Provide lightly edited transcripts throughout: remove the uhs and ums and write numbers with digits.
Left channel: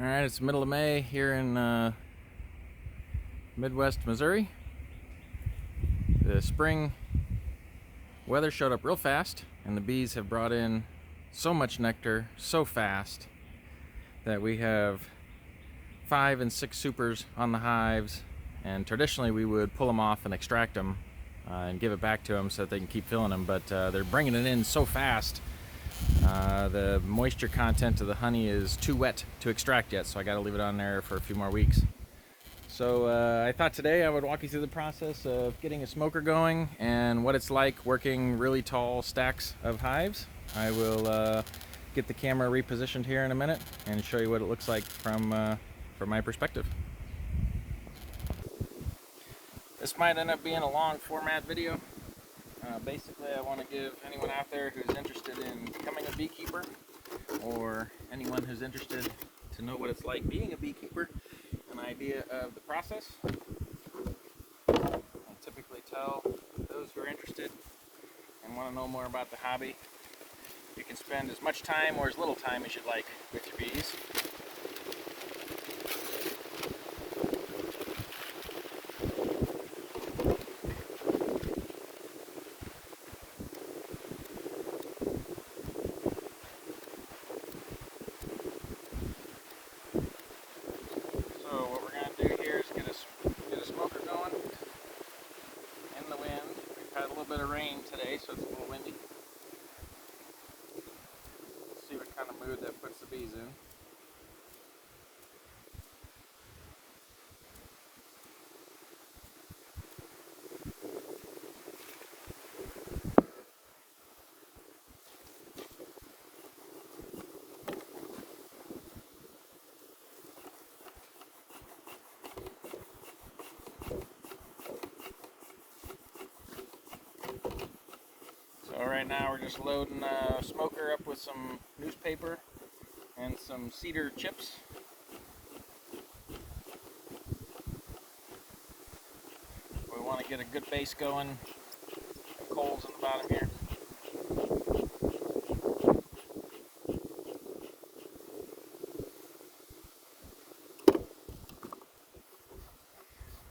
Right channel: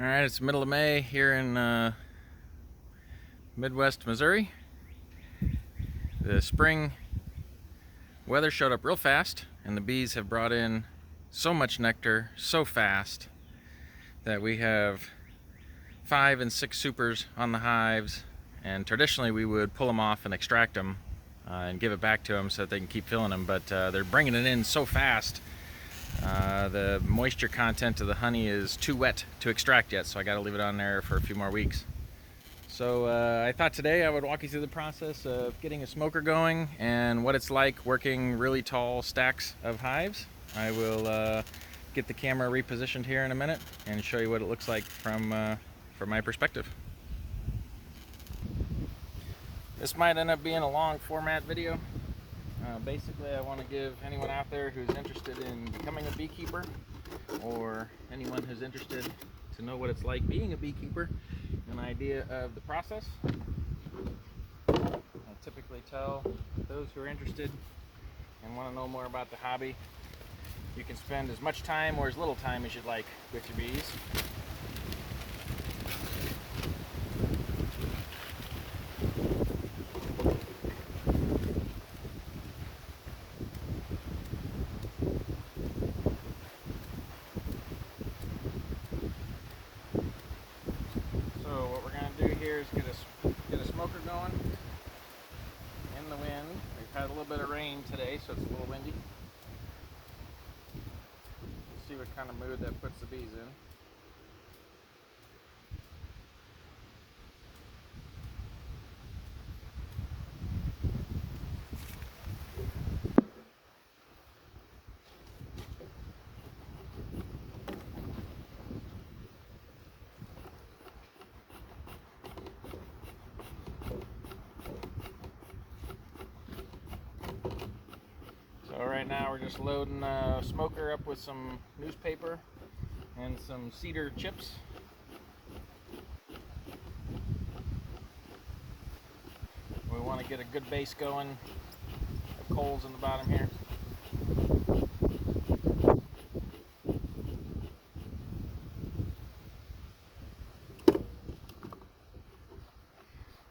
All right, it's the middle of May here in Midwest Missouri. The spring weather showed up real fast, and the bees have brought in so much nectar so fast that we have 5 and 6 supers on the hives. And traditionally we would pull them off and extract them and give it back to them so that they can keep filling them, but they're bringing it in so fast. The moisture content of the honey is too wet to extract yet, so I got to leave it on there for a few more weeks. So I thought today I would walk you through the process of getting a smoker going and what it's like working really tall stacks of hives. I will get the camera repositioned here in a minute and show you what it looks like from my perspective. This might end up being a long format video. Basically, I want to give anyone out there who's interested in becoming a beekeeper, or anyone who's interested to know what it's like being a beekeeper, an idea of the process. I typically tell those who are interested and want to know more about the hobby, you can spend as much time or as little time as you'd like with your bees. So what we're going to do here is get a smoker going in the wind. We've had a little bit of rain today, so it's a little windy. Let's see what kind of mood that puts the bees in. So right now we're just loading a smoker up with some newspaper and some cedar chips. We want to get a good base going. Coals in the bottom here.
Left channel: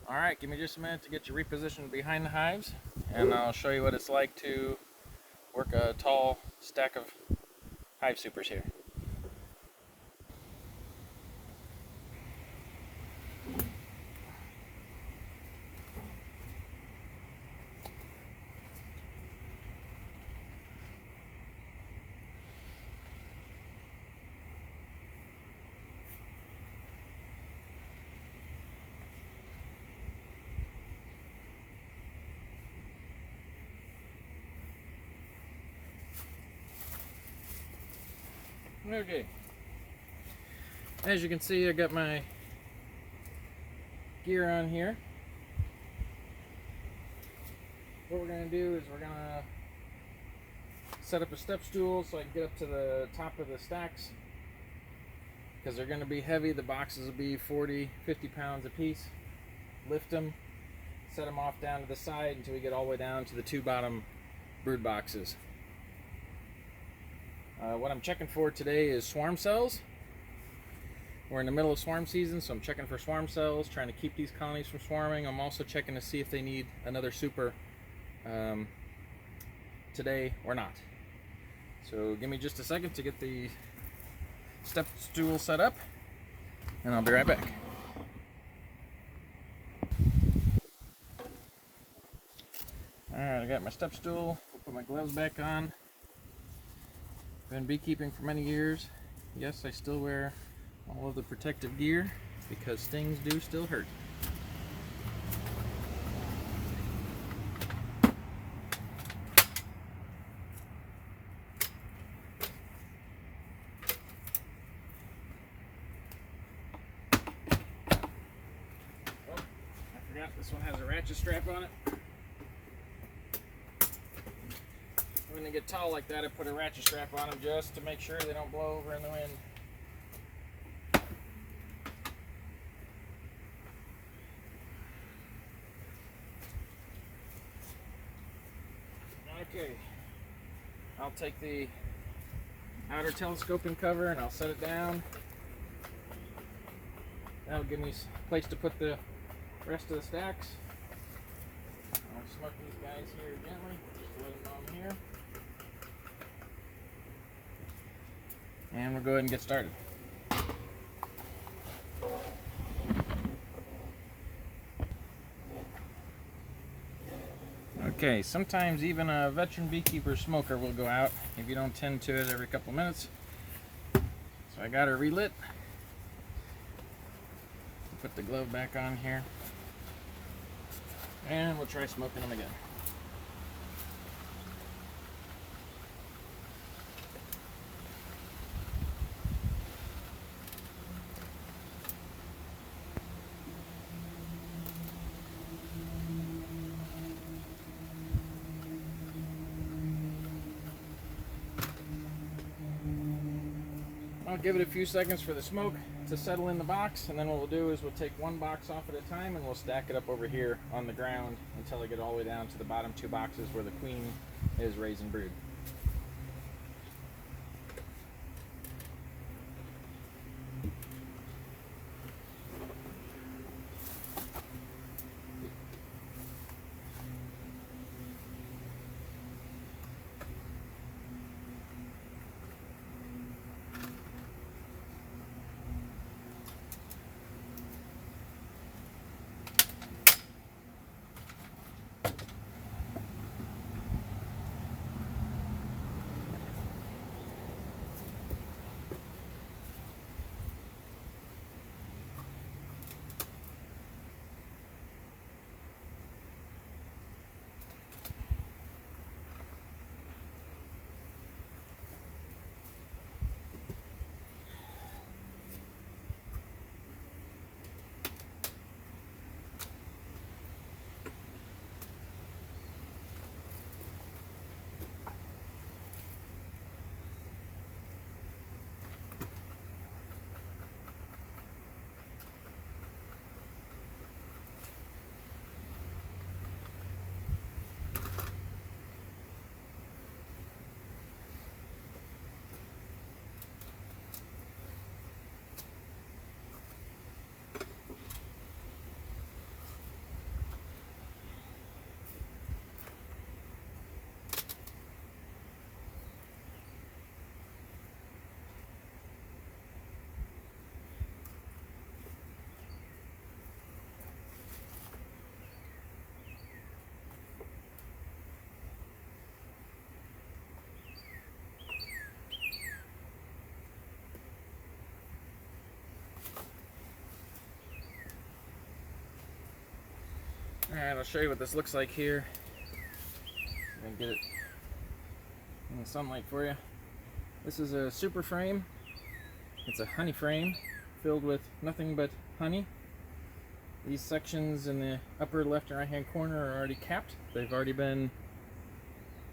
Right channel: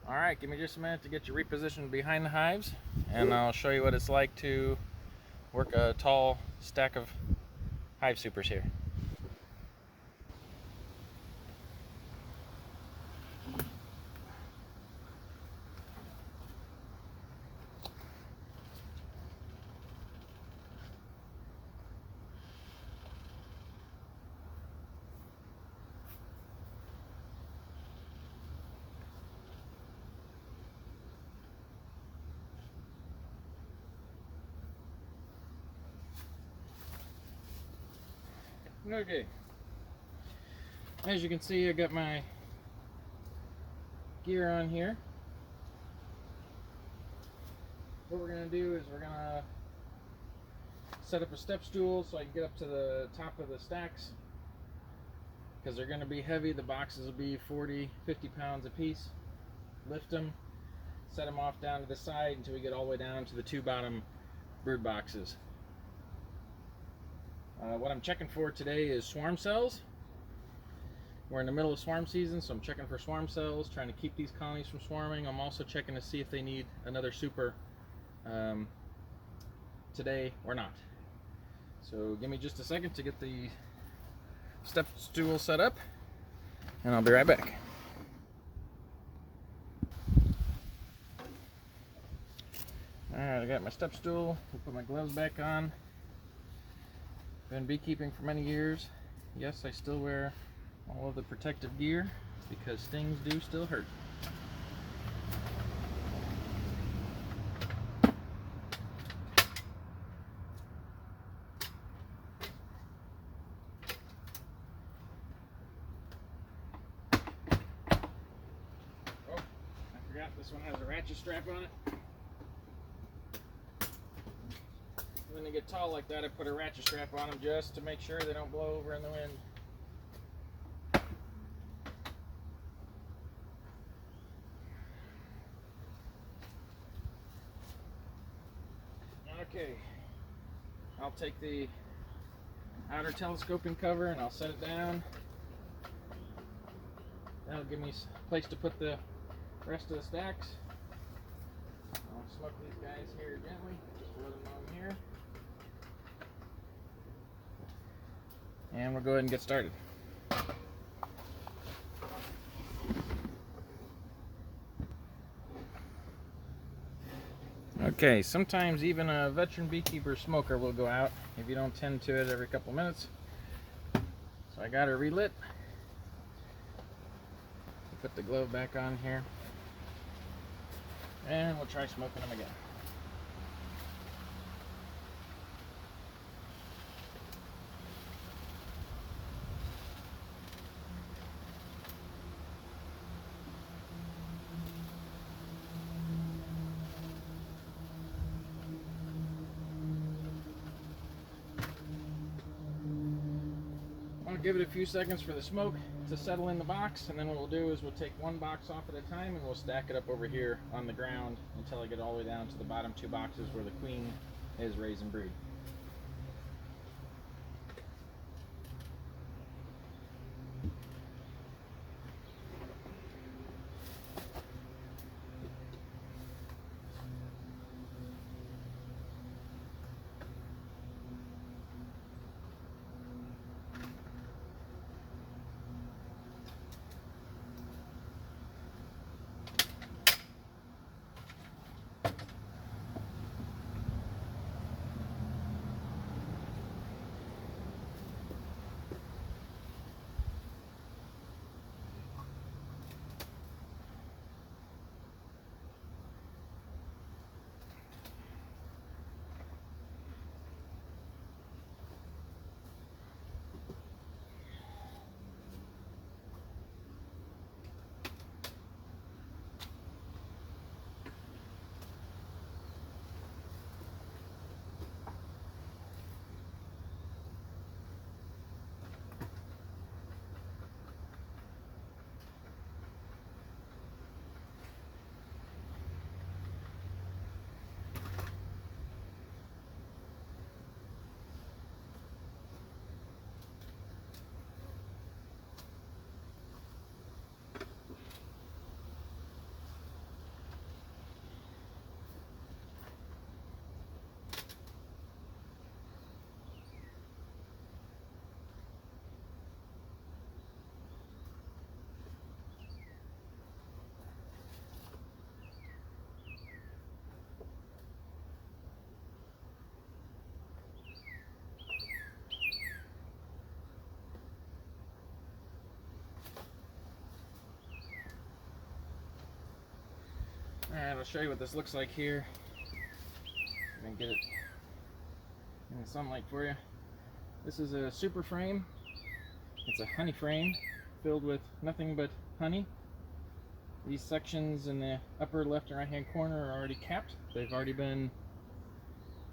Alright, give me just a minute to get you repositioned behind the hives, and I'll show you what it's like to work a tall stack of hive supers here. Okay, as you can see, I got my gear on here. What we're going to do is we're going to set up a step stool so I can get up to the top of the stacks, because they're going to be heavy. The boxes will be 40-50 pounds a piece. Lift them, set them off down to the side until we get all the way down to the 2 bottom brood boxes. What I'm checking for today is swarm cells. We're in the middle of swarm season, so I'm checking for swarm cells, trying to keep these colonies from swarming. I'm also checking to see if they need another super today or not. So give me just a second to get the step stool set up, and I'll be right back. Alright, I got my step stool. We'll put my gloves back on. Been beekeeping for many years. Yes, I still wear all of the protective gear because stings do still hurt. Oh, I forgot this one has a ratchet strap on it. When they get tall like that, I put a ratchet strap on them just to make sure they don't blow over in the wind. Okay, I'll take the outer telescoping cover and I'll set it down. That'll give me a place to put the rest of the stacks. I'll smoke these guys here gently, just to let them know I'm here. And we'll go ahead and get started. Okay, sometimes even a veteran beekeeper smoker will go out if you don't tend to it every couple minutes. So I got her relit. Put the glove back on here. And we'll try smoking them again. I'll give it a few seconds for the smoke to settle in the box, and then what we'll do is we'll take one box off at a time and we'll stack it up over here on the ground until I get all the way down to the bottom two boxes where the queen is raising brood. Alright, I'll show you what this looks like here. I'm gonna get it in the sunlight for you. This is a super frame. It's a honey frame filled with nothing but honey. These sections in the upper left and right hand corner are already capped. They've already been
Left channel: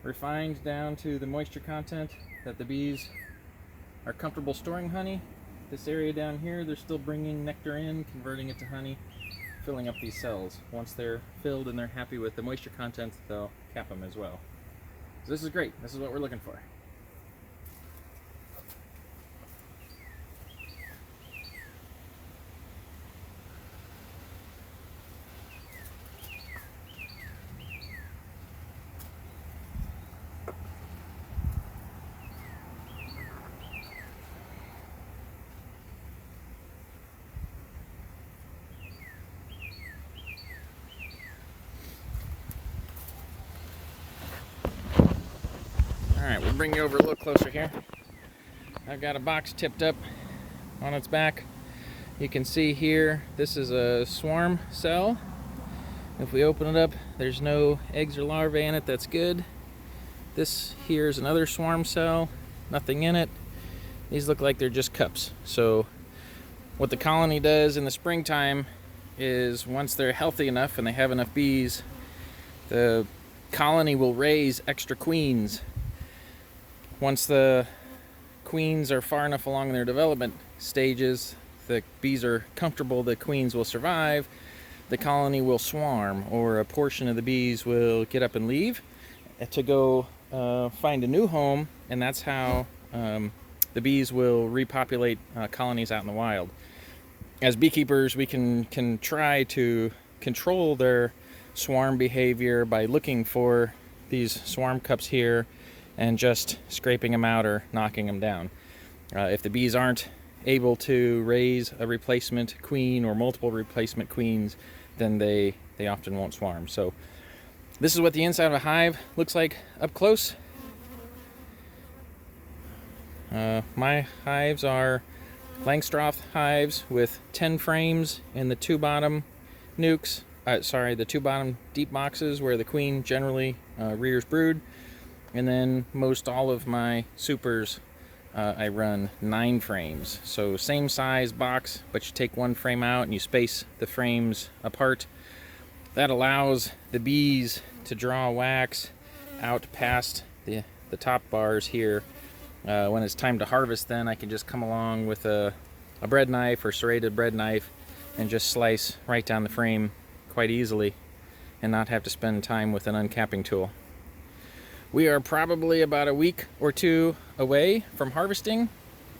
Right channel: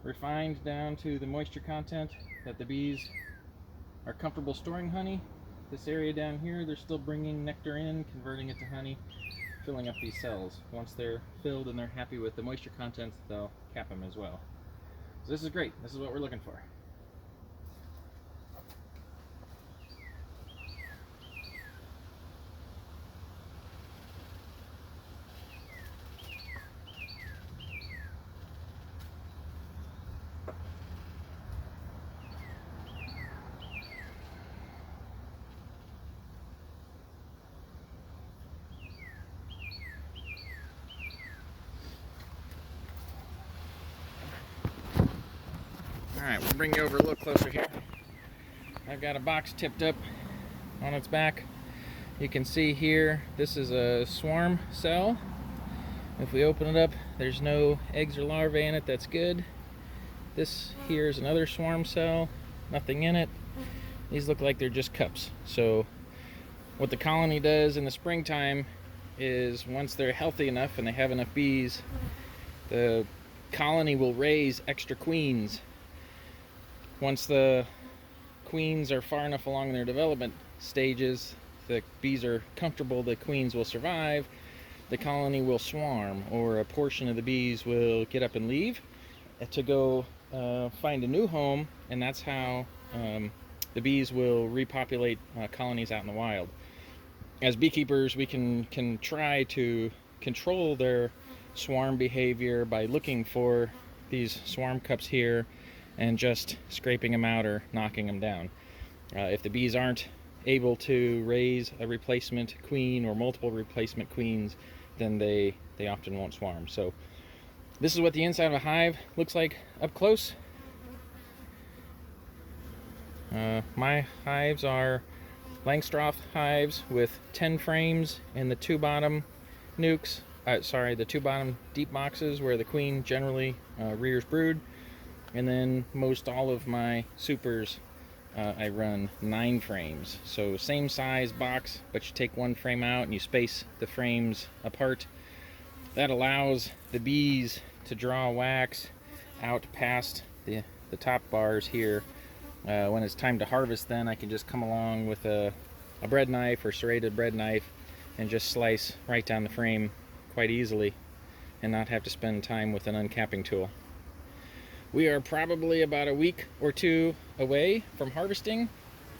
refined down to the moisture content that the bees are comfortable storing honey. This area down here, they're still bringing nectar in, converting it to honey, filling up these cells. Once they're filled and they're happy with the moisture content, they'll cap them as well. So this is great. This is what we're looking for. Alright, we'll bring you over a little closer here. I've got a box tipped up on its back. You can see here, this is a swarm cell. If we open it up, there's no eggs or larvae in it. That's good. This here is another swarm cell, nothing in it. These look like they're just cups. So what the colony does in the springtime is once they're healthy enough and they have enough bees, the colony will raise extra queens. Once the queens are far enough along in their development stages, the bees are comfortable the queens will survive, the colony will swarm, or a portion of the bees will get up and leave to go find a new home, and that's how the bees will repopulate colonies out in the wild. as beekeepers, we can try to control their swarm behavior by looking for these swarm cups here and just scraping them out or knocking them down. If the bees aren't able to raise a replacement queen or multiple replacement queens, then they often won't swarm. So this is what the inside of a hive looks like up close. My hives are Langstroth hives with 10 frames in the 2 bottom nukes. The 2 bottom deep boxes where the queen generally rears brood. And then most all of my supers, I run 9 frames. So same size box, but you take 1 frame out and you space the frames apart. That allows the bees to draw wax out past the top bars here. When it's time to harvest, then I can just come along with a bread knife or serrated bread knife and just slice right down the frame quite easily and not have to spend time with an uncapping tool. We are probably about a week or 2 away from harvesting.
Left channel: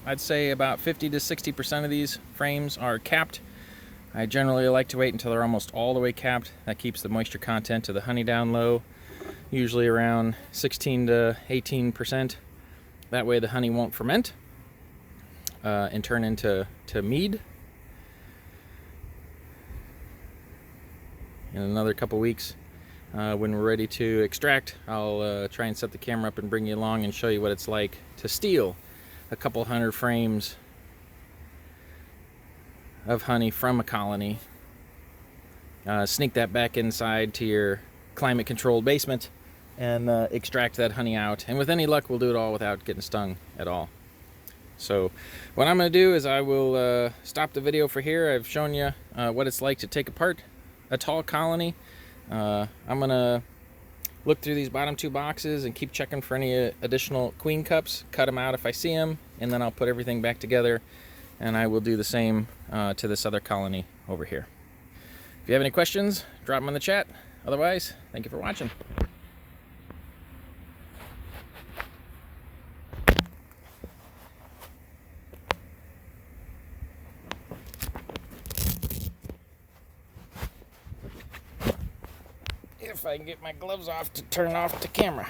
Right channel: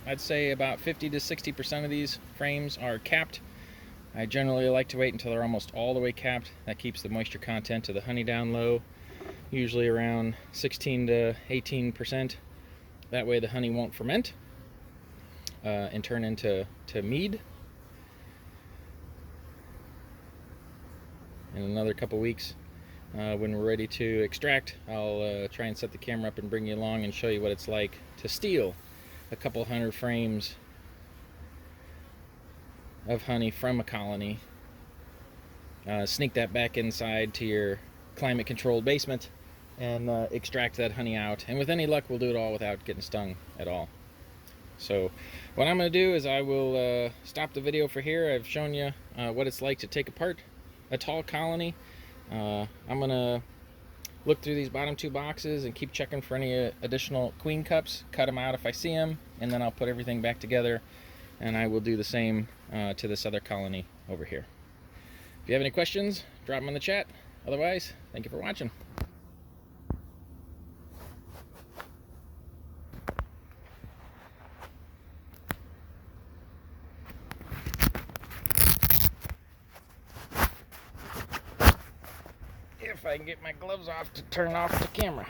I'd say about 50 to 60% of these frames are capped. I generally like to wait until they're almost all the way capped. That keeps the moisture content of the honey down low, usually around 16 to 18%. That way the honey won't ferment and turn into mead. In another couple weeks, when we're ready to extract, I'll try and set the camera up and bring you along and show you what it's like to steal a couple hundred frames of honey from a colony, sneak that back inside to your climate controlled basement, and extract that honey out. And with any luck, we'll do it all without getting stung at all. So what I'm going to do is I will stop the video for here. I've shown you what it's like to take apart a tall colony. I'm going to look through these bottom 2 boxes and keep checking for any additional queen cups, cut them out if I see them, and then I'll put everything back together, and I will do the same to this other colony over here. If you have any questions, drop them in the chat. Otherwise, thank you for watching. If I can get my gloves off to turn off the camera.